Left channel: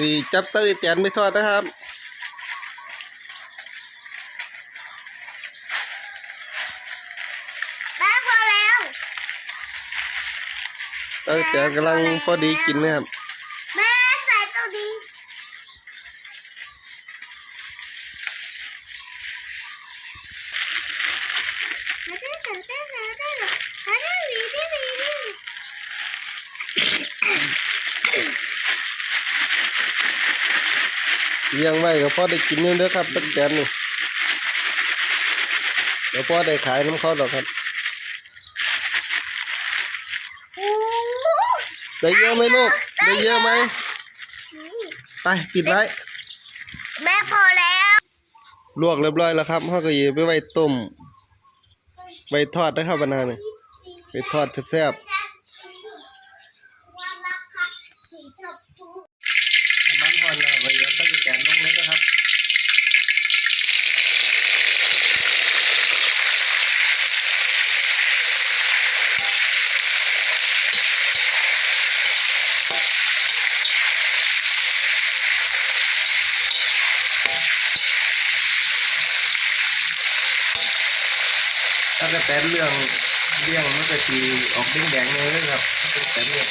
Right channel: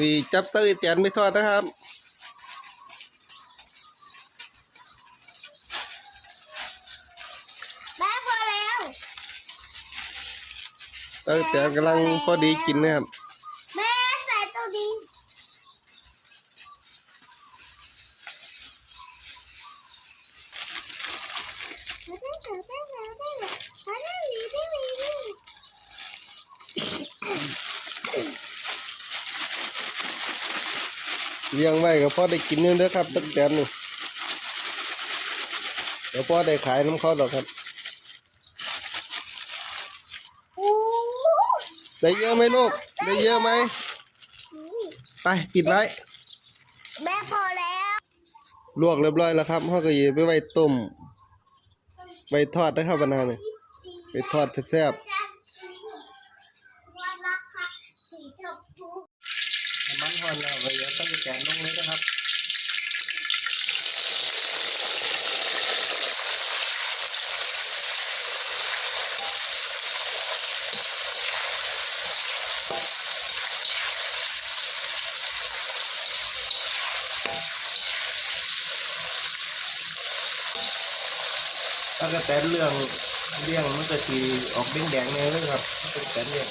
วีจับเตยเตียนไปทอดนะครับแม่พอแล้วเตยเตียนกำลังพอดีกินนะครับ แม่ใส่ตัวนี้ไม่ได้ใส่ได้ใส่ได้หรอไม่ได้หวีได้หวีได้ เลี้ยงไว้ก็พอได้กินอยู่เด้อครับตักแตนนี่เดี๋ยวพอได้ขายน้ำเขาดอกครับโอ้ได้เยอะไหมลูกได้เยอะไหมไปปิดไว้แม่พอแล้วลวกเรียบร้อยแล้วครับเขาก็หยิบไปไว้ต้มไว้ทอดนะครับบรรณาเนี่ยไปทอดแซ่บๆน้ำมันหอนแล้วไปเอาตั้งแกนลงเลยนะครับ ถ้ากระแตนเรื่องเรื่องมันก็สีออกแดงๆเลยครับเป็นกระแตนเรื่อง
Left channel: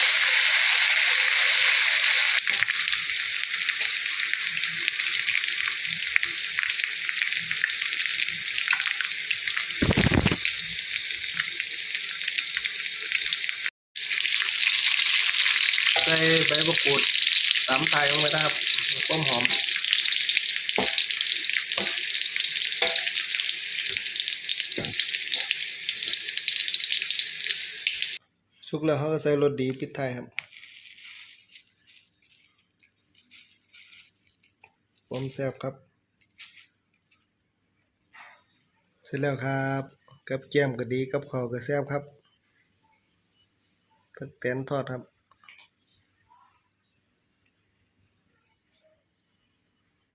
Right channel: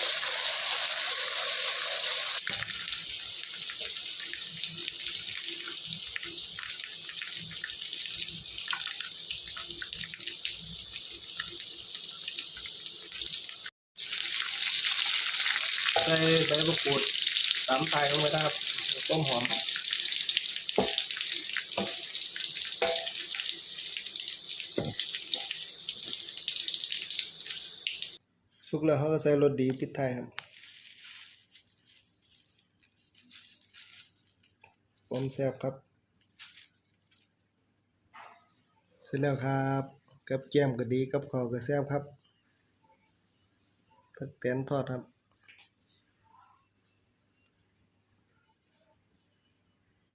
ใส่ใบมะกรูดสามไทยลงไปนะครับต้มหอม สุกแล้วเขาก็ใส่รสดีปิดท้ายครับผมแซ่บครับ เสร็จแล้วครับ กับแก้มก็ดีกับข้าวก็แซ่บครับตักแตนทอดครับ